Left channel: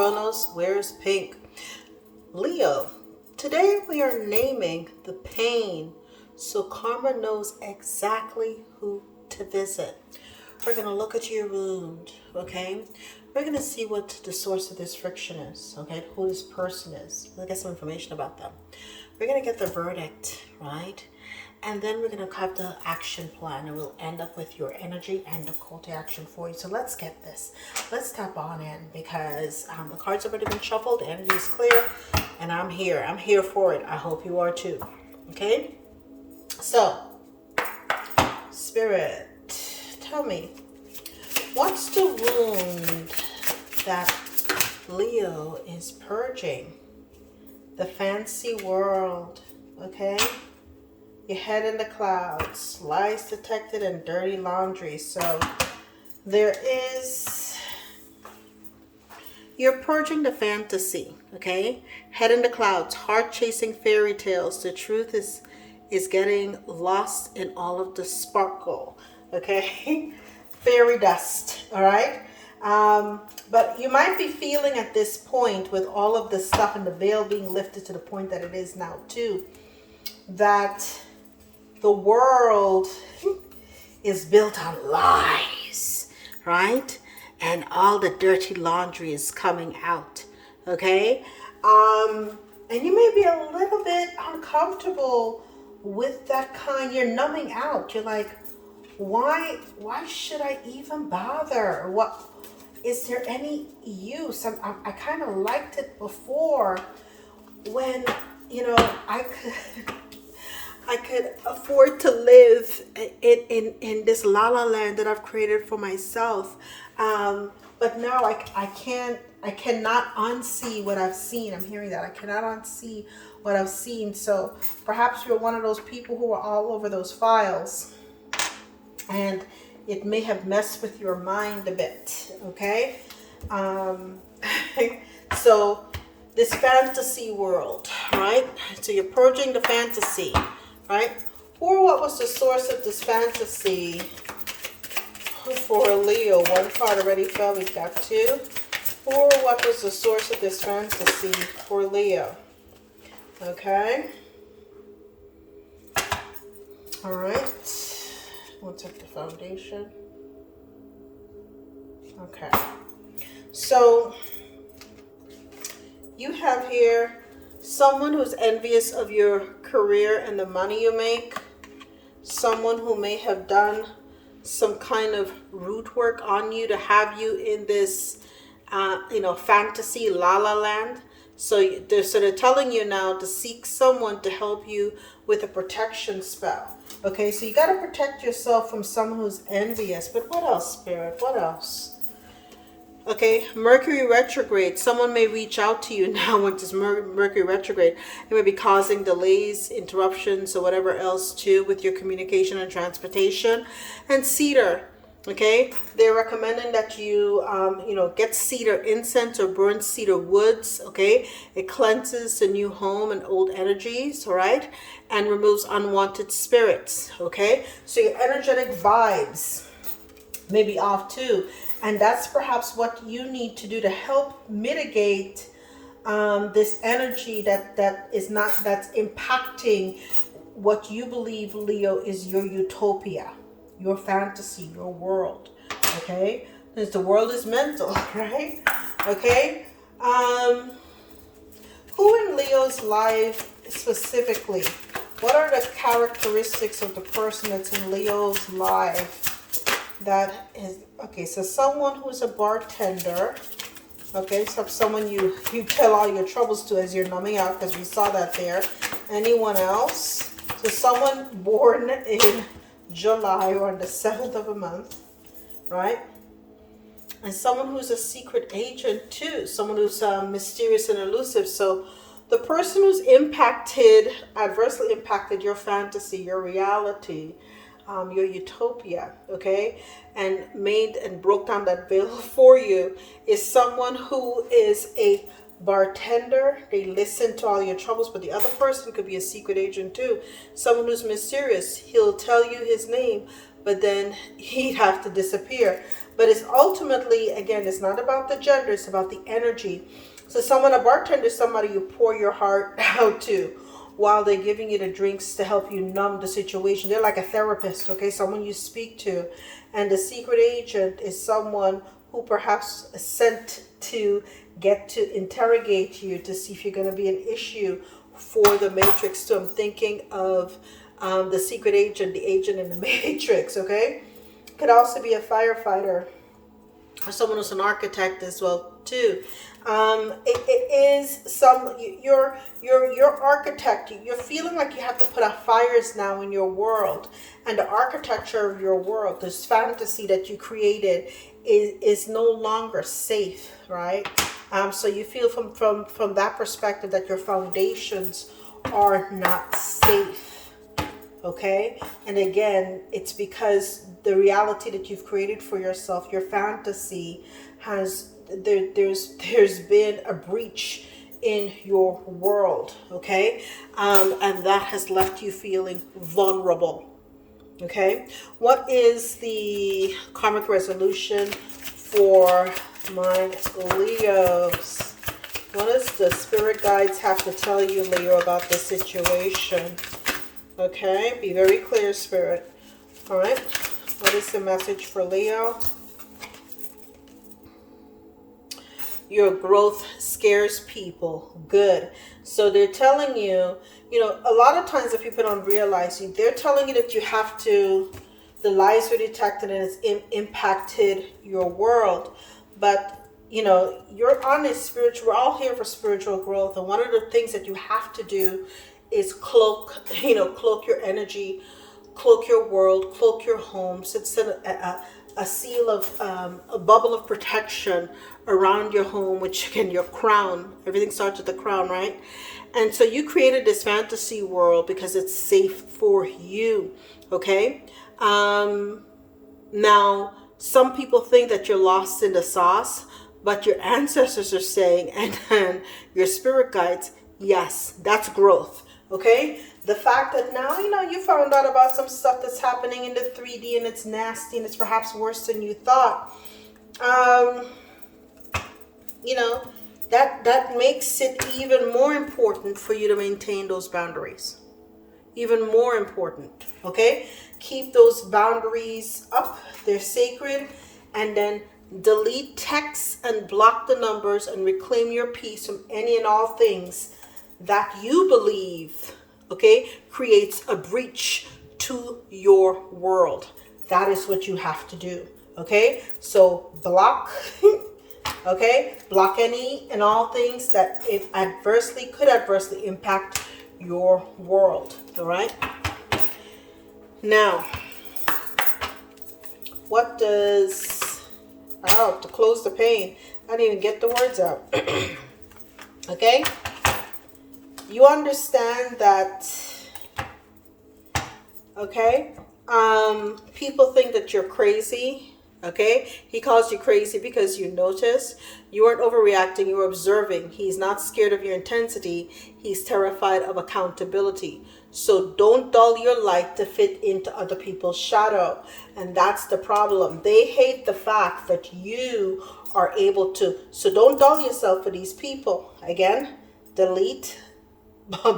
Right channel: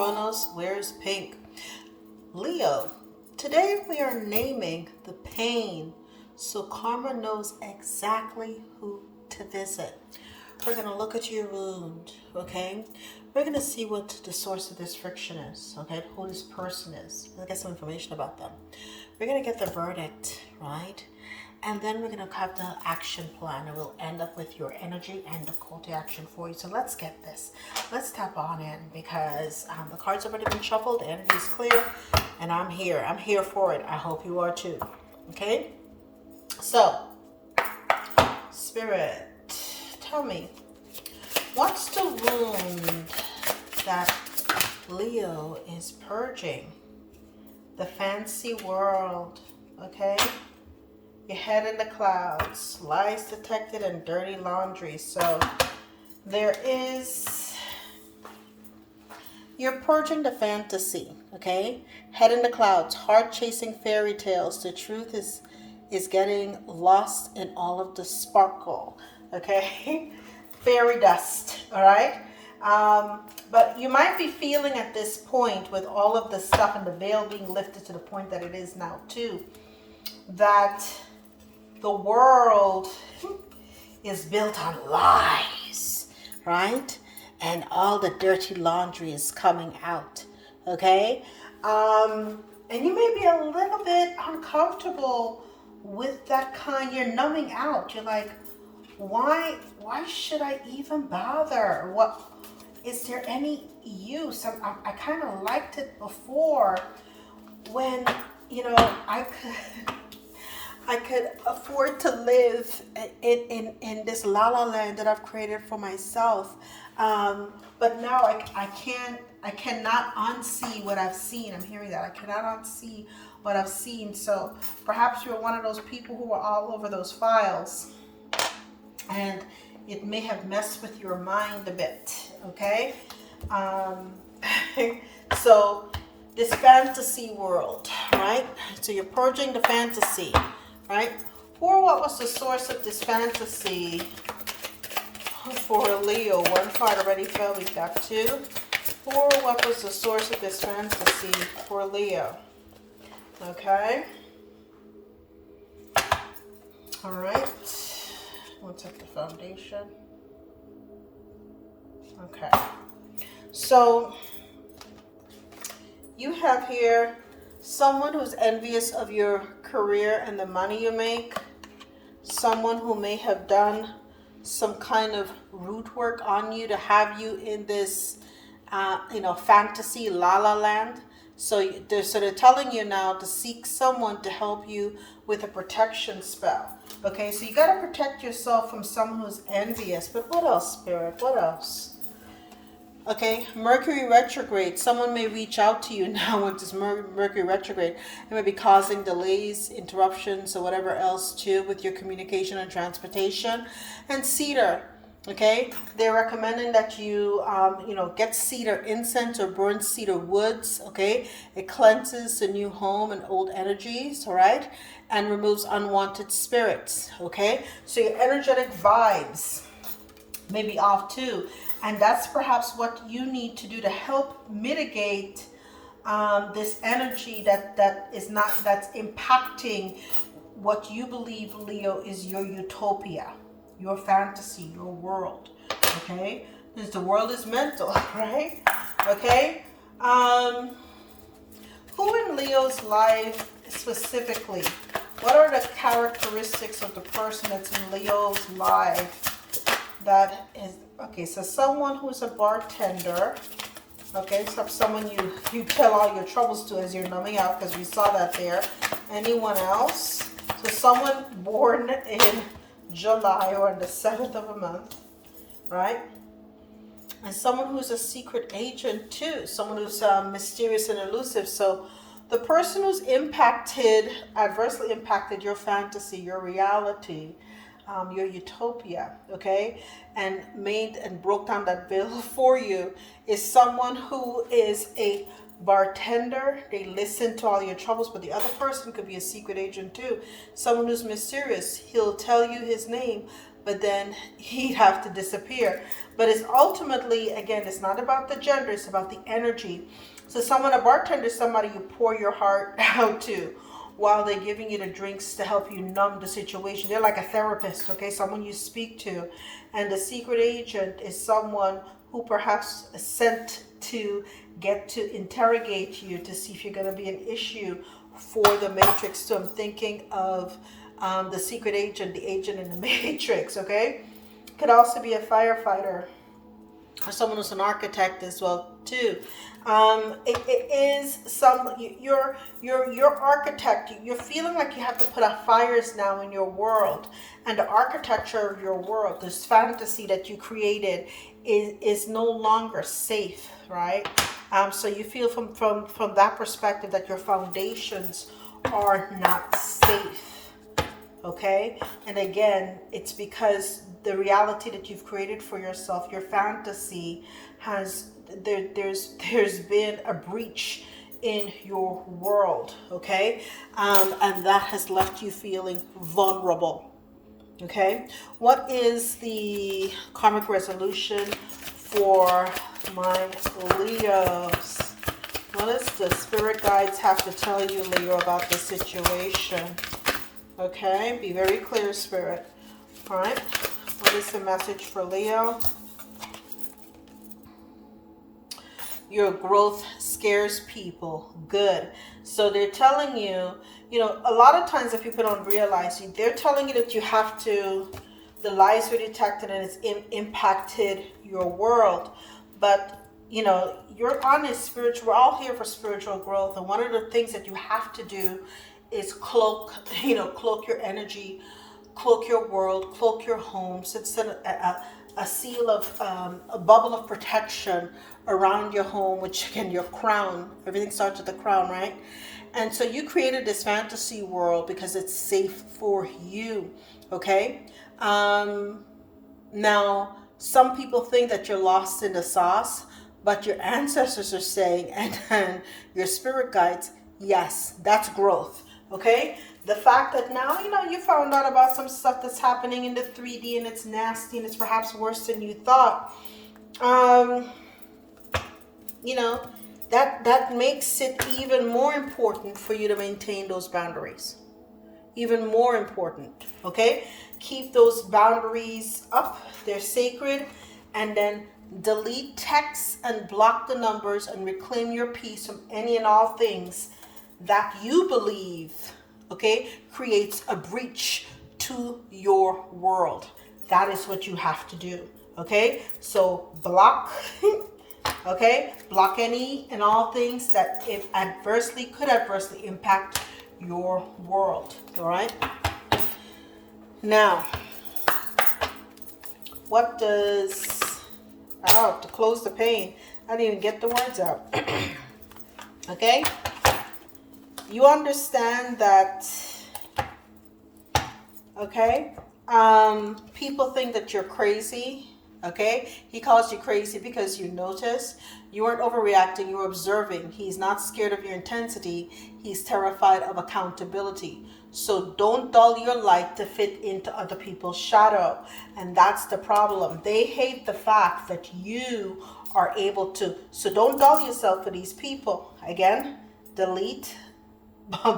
Kronos Wears Pink. Leo, today we are naming the pain so karma knows exactly who to visit. We're going to look at your wound, okay? We're going to see what the source of this friction is, okay? Who this person is. We'll get some information about them. We're going to get the verdict, right? And then we're going to have the action plan, and we'll end up with your energy and the call to action for you. So let's get this. Let's tap on in because the cards have already been shuffled. The energy is clear, and I'm here. I'm here for it. I hope you are too. Okay? So, Spirit, tell me, what's the wound that Leo is purging? The fancy world, okay? Your head in the clouds, lies detected, and dirty laundry. So there is, you're purging the fantasy, okay? Head in the clouds, heart chasing fairy tales. The truth is getting lost in all of the sparkle, okay? Fairy dust, all right? But you might be feeling at this point with all of the stuff and the veil being lifted to the point that it is now too, that the world is built on lies, right? And all the dirty laundry is coming out, okay? And you may be a little bit uncomfortable with that kind. You're numbing out. You're like, why should I even bother? What is there any use? I kind of liked it before when, you know, I could afford to live in this la-la land that I've created for myself. But now I cannot unsee what I've seen. I'm hearing that. I cannot unsee what I've seen. So perhaps you're one of those people who are all over those files, and it may have messed with your mind a bit, okay? So this fantasy world, right? So you're purging the fantasy, right? Or what was the source of this fantasy for Leo? One card already fell, we've got two. Or what was the source of this fantasy for Leo? Okay. All right. We'll take the foundation. Okay. So you have here someone who's envious of your career and the money you make. Someone who may have done some kind of root work on you to have you in this, fantasy la-la land. So they're telling you now to seek someone to help you with a protection spell. Okay, so you got to protect yourself from someone who's envious. But what else, Spirit? What else? Okay, Mercury retrograde. Someone may reach out to you now with this Mercury retrograde. It may be causing delays, interruptions, or whatever else too with your communication and transportation. And cedar. Okay, they're recommending that you, get cedar incense or burn cedar woods. Okay, it cleanses the new home and old energies. All right, and removes unwanted spirits. Okay, so your energetic vibes may be off too, and that's perhaps what you need to do to help mitigate this energy that's impacting what you believe, Leo, is your utopia, your fantasy, your world, okay? Because the world is mental, right? Okay? Who in Leo's life specifically? What are the characteristics of the person that's in Leo's life that is, okay, so someone who's a bartender, okay, so someone you tell all your troubles to as you're numbing out, because we saw that there. Anyone else? So someone born in July or on the 7th of a month, right? And someone who's a secret agent too, someone who's mysterious and elusive. So the person who's adversely impacted your fantasy, your reality, your utopia, okay, and made and broke down that veil for you is someone who is a bartender. They listen to all your troubles, but the other person could be a secret agent too. Someone who's mysterious. He'll tell you his name, but then he'd have to disappear. But it's ultimately, again, it's not about the gender, it's about the energy. So someone, a bartender is somebody you pour your heart out to while they're giving you the drinks to help you numb the situation. They're like a therapist, okay? Someone you speak to. And the secret agent is someone who perhaps is sent to get to interrogate you to see if you're going to be an issue for the Matrix. So I'm thinking of the secret agent, the agent in the Matrix, okay? Could also be a firefighter or someone who's an architect as well too. It is some your architect. You're feeling like you have to put out fires now in your world, and the architecture of your world, this fantasy that you created, is no longer safe, right? So you feel from that perspective that your foundations are not safe. Okay, and again, it's because the reality that you've created for yourself, your fantasy, there's been a breach in your world. Okay, and that has left you feeling vulnerable. Okay, what is the karmic resolution for my Leos? What does the spirit guides have to tell you, Leo, about this situation? Okay, be very clear, Spirit. All right, what is the message for Leo? Your growth scares people. Good. So they're telling you, a lot of times that people don't realize, they're telling you that you have to, the lies were detected and it's impacted your world. But, you're on a spiritual, we're all here for spiritual growth. And one of the things that you have to do is cloak your energy, cloak your world, cloak your home. So it's a seal of, a bubble of protection around your home, which again, your crown, everything starts with the crown, right? And so you created this fantasy world because it's safe for you, okay? Now, some people think that you're lost in the sauce, but your ancestors are saying, and your spirit guides, yes, that's growth. Okay, the fact that now you found out about some stuff that's happening in the 3D and it's nasty and it's perhaps worse than you thought. That makes it even more important for you to maintain those boundaries. Even more important. Okay, keep those boundaries up. They're sacred, and then delete texts and block the numbers and reclaim your peace from any and all things that you believe, okay, creates a breach to your world. That is what you have to do, okay? So block, okay? Block any and all things that could adversely impact your world, all right? Now, what does, to close the pain, I didn't even get the words out, okay? You understand that, okay? People think that you're crazy, okay? He calls you crazy because you notice. You weren't overreacting, you were observing. He's not scared of your intensity. He's terrified of accountability. So don't dull your light to fit into other people's shadow. And that's the problem. They hate the fact that you are able to. So don't dull yourself for these people. Again, delete,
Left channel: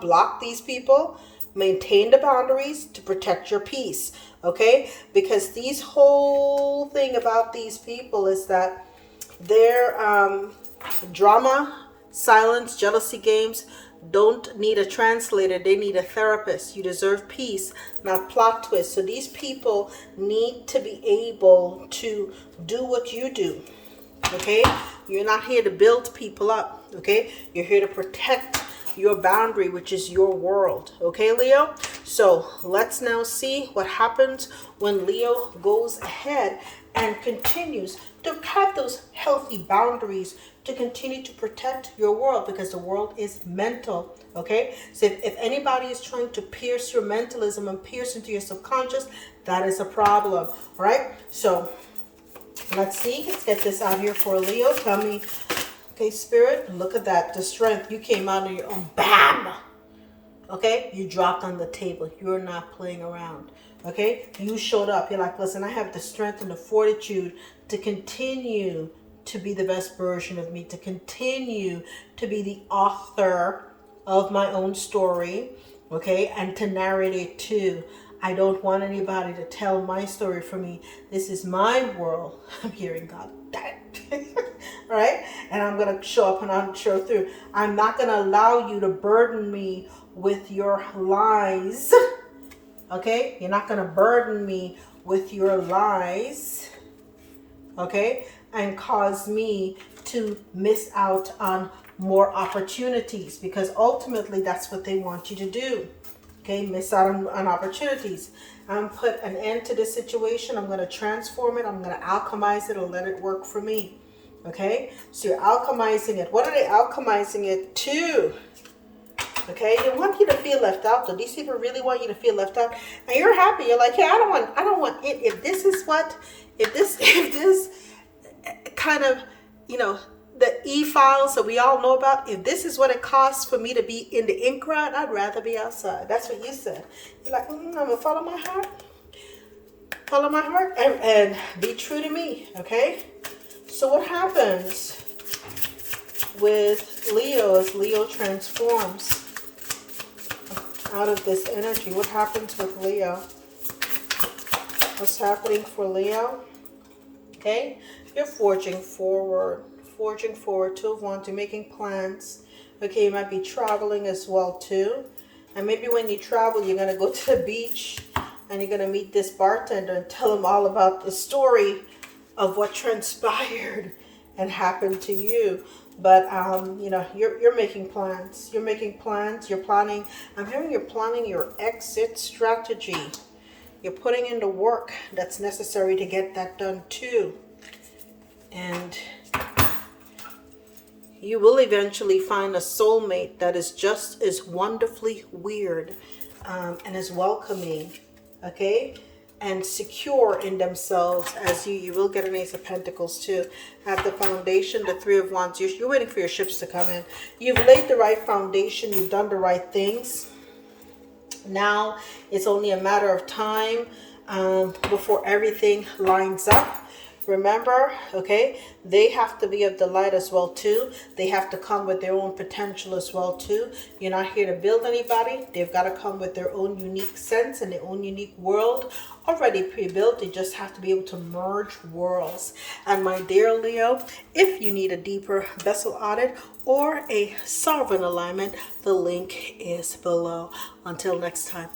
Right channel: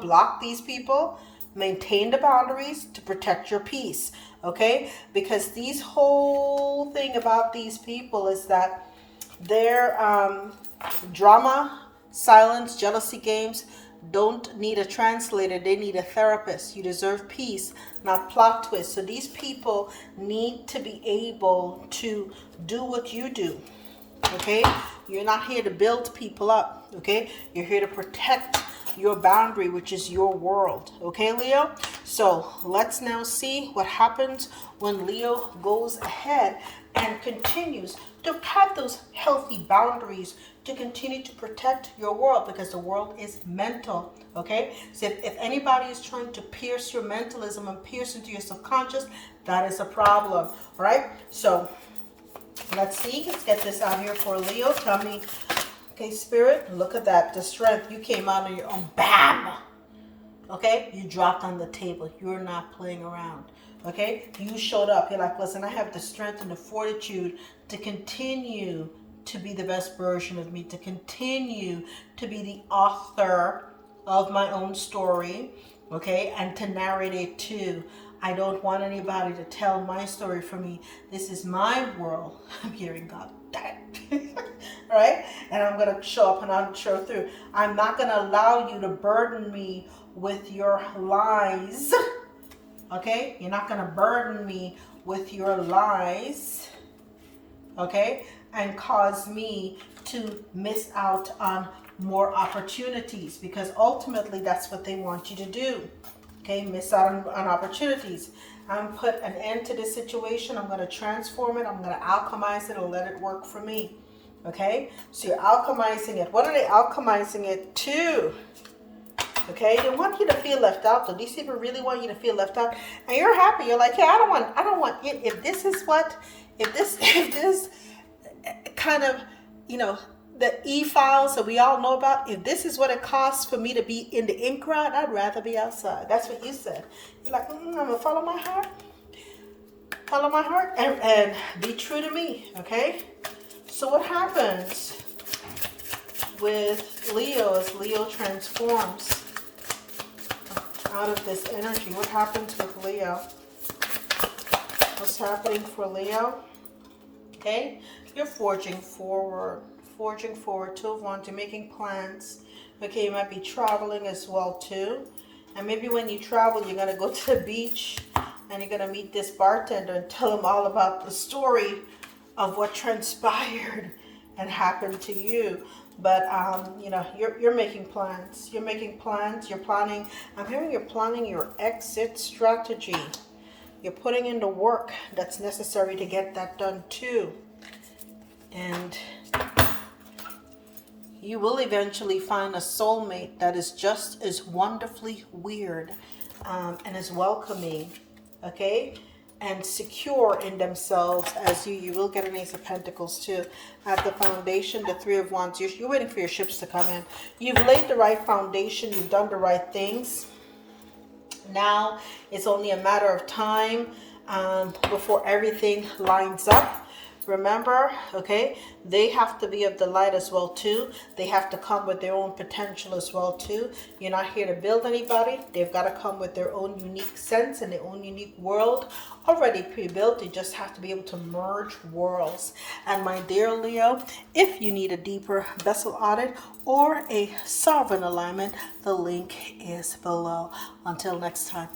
block these people, maintain the boundaries to protect your peace, okay? Because these whole thing about these people is that their drama, silence, jealousy games don't need a translator. They need a therapist. You deserve peace, not plot twists. So these people need to be able to do what you do, okay? You're not here to build people up, okay? You're here to protect your boundary, which is your world. Okay, Leo? So let's now see what happens when Leo goes ahead and continues to have those healthy boundaries to continue to protect your world, because the world is mental. Okay, so if anybody is trying to pierce your mentalism and pierce into your subconscious, that is a problem. All right, so let's see. Let's get this out here for Leo. Tell me, okay, Spirit, look at that. The strength. You came out on your own. Bam! Okay, you dropped on the table. You're not playing around. Okay, you showed up. You're like, listen, I have the strength and the fortitude to continue to be the best version of me, to continue to be the author of my own story, okay, and to narrate it too. I don't want anybody to tell my story for me. This is my world. I'm hearing God. Right? And I'm going to show up and I'll show through. I'm not going to allow you to burden me with your lies. Okay? You're not going to burden me with your lies. Okay? And cause me to miss out on more opportunities, because ultimately that's what they want you to do. Okay? Miss out on opportunities. I'm going to put an end to this situation. I'm going to transform it. I'm going to alchemize it and let it work for me. Okay? So you're alchemizing it. What are they alchemizing it to? Okay, they want you to feel left out. Though these people really want you to feel left out, and you're happy. You're like, yeah, I don't want it. If this kind of, the e-files that we all know about, if this is what it costs for me to be in the ink crowd, I'd rather be outside. That's what you said. You're like, I'm gonna follow my heart, and be true to me. Okay. So what happens with Leo as Leo transforms out of this energy? What happens with Leo? What's happening for Leo? Okay, you're forging forward. Two of Wands. You're making plans. Okay, you might be traveling as well too. And maybe when you travel, you're going to go to the beach and you're going to meet this bartender and tell him all about the story of what transpired and happened to you. But you're making plans. You're planning. I'm hearing you're planning your exit strategy. You're putting in the work that's necessary to get that done too. And you will eventually find a soulmate that is just as wonderfully weird and as welcoming, okay, and secure in themselves as you. You will get an Ace of Pentacles too. At the foundation, the Three of Wands, you're waiting for your ships to come in. You've laid the right foundation. You've done the right things. Now it's only a matter of time before everything lines up. Remember, okay, they have to be of the light as well too. They have to come with their own potential as well too. You're not here to build anybody. They've got to come with their own unique sense and their own unique world already pre-built. They just have to be able to merge worlds. And my dear Leo, if you need a deeper vessel audit or a sovereign alignment, the link is below. Until next time.